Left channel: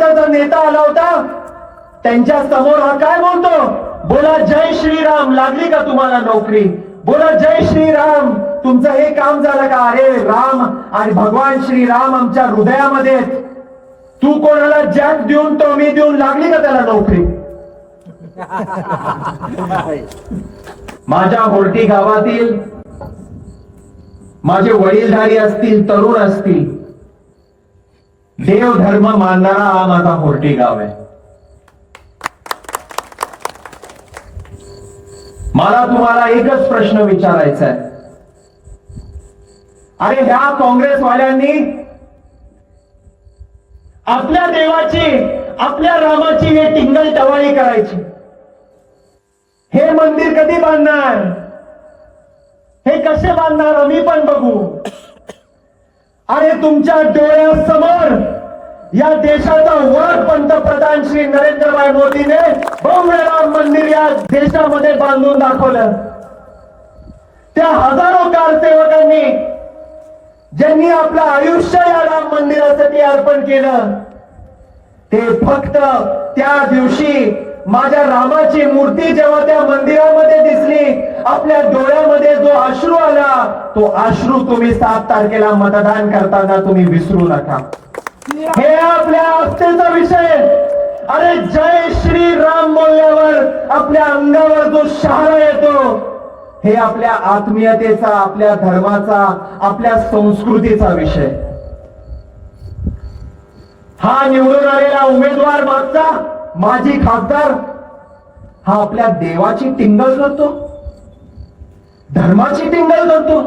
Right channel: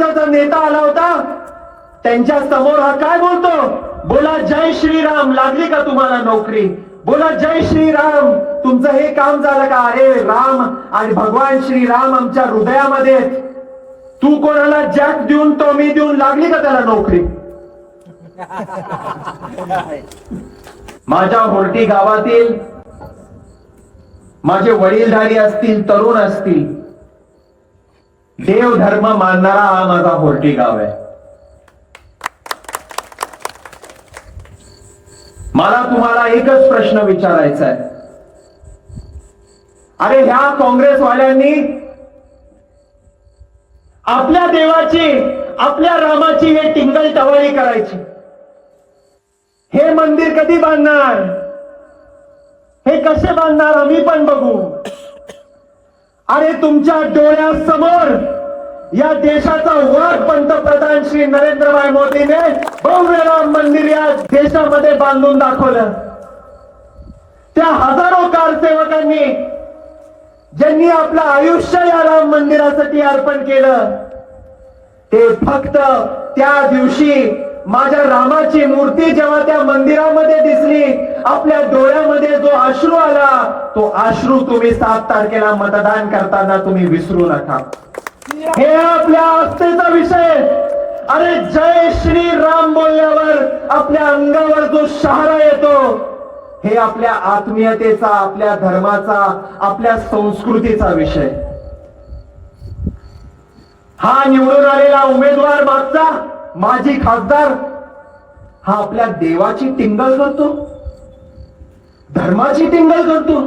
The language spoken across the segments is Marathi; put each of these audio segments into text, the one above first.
नेता आला होता त्यांच्या समोर हा काय बोलतो बोला जय श्रीराम लागली का तुम्हाला नोकरी बोला जय श्रीराम तुमचं हे काम झालं का अरे राम आणि भगवान श्रीराम आमच्या हृदयामध्ये तू कोणाला जॅक देऊन तो मी देऊन लागली का त्याला नोकरी माझ्या होर्टी गावातील माझे वडीलधारी असतील तरुण असतील देव धर्म मानणारा हा माझा पोर्टी गाव आहे मला तुम्हाला एकच प्रश्न विचारायचा आहे अरे ह्या काँग्रेसवाल्यांनी आपल्या देवाची आपल्या रामाची हे टिंगल टवाळी करायची हे मंदिर कधी बांधणार आणि तुमच्या डोळ्यासमोर या देशाचा वर पंतप्रधान श्री नरेंद्र भाई मोदीने बहुराम मंदिर या देशामध्ये बांधून दाखवलं त्या हजारो कारसेवकांनी ज्यांनी आपलं आयुष्य या राम मंदिरासाठी अर्पण केलं ते फक्त त्या दिवशी माझ्या रामाची मूर्ती जेव्हा त्या मंदिरामध्ये दिसली आपल्या डोळ्यामध्ये जो अश्रू आला तो आश्रू तुम्ही सात तारखेला मतदान करताना तुम्ही विसरू नका हे आपल्या आस्थेचा विषय अरे जय श्री राम बोलल्यावर आपल्या अंगावर जो शहारा येतो हे आपल्या आत्मीयतेचा आपल्या धर्माचा आपल्या संस्कृतीचा विषय हा निवडून आलेला उमेदवार माझा माझी खासदार हा आपल्या देवाची टिंगल करतो धर्माची टिंगल करतो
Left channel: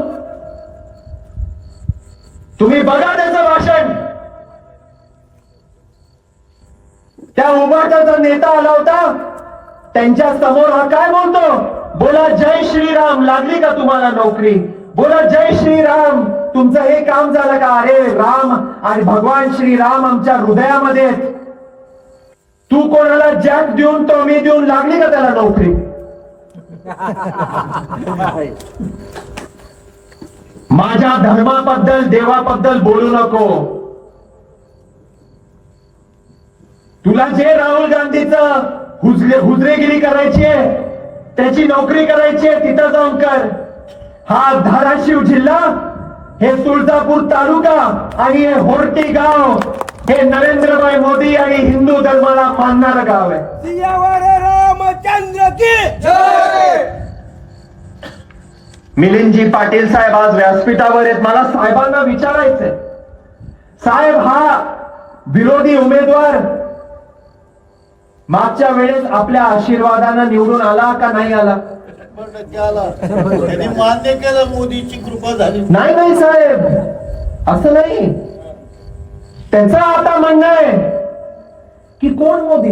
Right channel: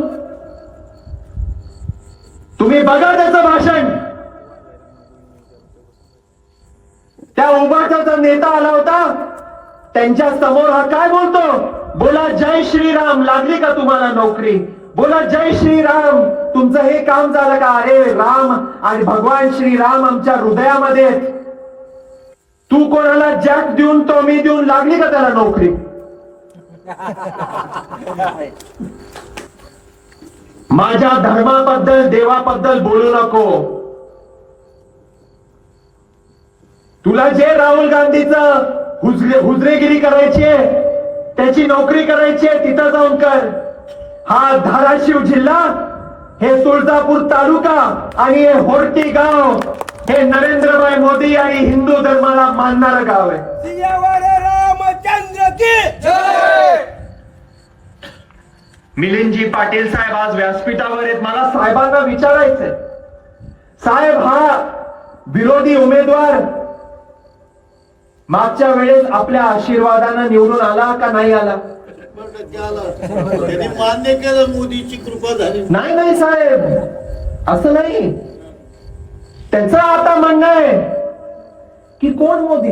तुम्ही बघा त्याचं भाषण त्या उभाटा नेता आला होता त्यांच्या समोर हा काय बोलतो बोला जय श्रीराम लागली का तुम्हाला नोकरी बोला जय श्रीराम तुमचं हे काम झालं का अरे राम आणि भगवान श्रीराम आमच्या हृदयामध्ये तू कोणाला जॅक देऊन तो मी देऊन लागली का त्याला नोकरी माझ्या धर्माबद्दल देवाबद्दल बोलू नको तुला जे राहुल गांधीच हुजरे हुजरेगिरी करायची आहे त्याची नोकरी करायची आहे तिथं जाऊन कर हा धाराशिव जिल्हा हे तुळजापूर तालुका आणि हे होरटी गाव हे नरेंद्रभाई मोदी आणि हिंदू धर्माला मानणारं गाव आहे रामचंद्र की मिलिंदजी पाटील साहेब आज व्यासपीठावर आहेत मला साहेबांना विचारायचंय साहेब हा विरोधी उमेदवार मागच्या वेळेस आपल्या आशीर्वादानं निवडून आला का नाही आला मान्य केलं मोदीची कृपा झाली नाही नाही साहेब असं नाही त्यांचं आता म्हणणं आहे की कोण मोदी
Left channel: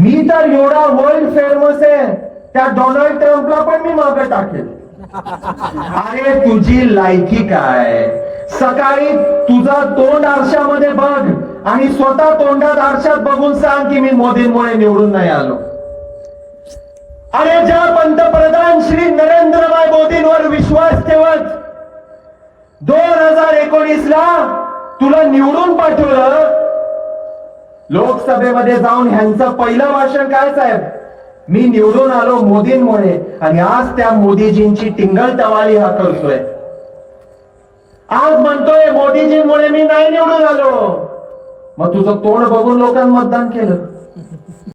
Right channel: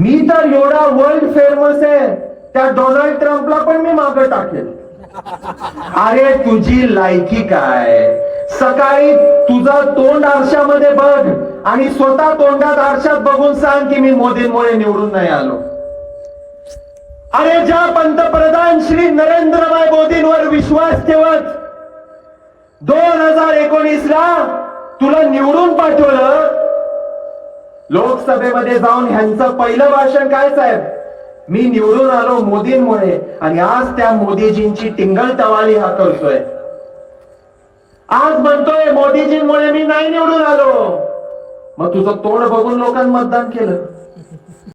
मी तर एवढा वर्ल्ड फेमस आहे त्या डोनाल्ड ट्रम्पला पण मी मागे टाकेल अरे तुझी लायकी काय सकाळी तुझा तोंड आरशामध्ये बघ आणि स्वतः तोंडात आरशात बघून सांग की मी मोदींमुळे निवडून नाही आलो अरे ज्या पंतप्रधान श्री नरेंद्रभाई मोदींवर विश्वास ठेवत दोन हजार एकोणीस ला तुला निवडून पाठवलं लोकसभेमध्ये जाऊन ह्यांचं पहिलं भाषण काय साहेब मी निवडून आलो मोदींमुळे आणि आज त्या मोदीजींची टिंगल टवाली हा करतोय आज म्हणतोय मोदीजींमुळे मी नाही निवडून आलो मग तुझं तोंड बघून लोकांनी मतदान केलं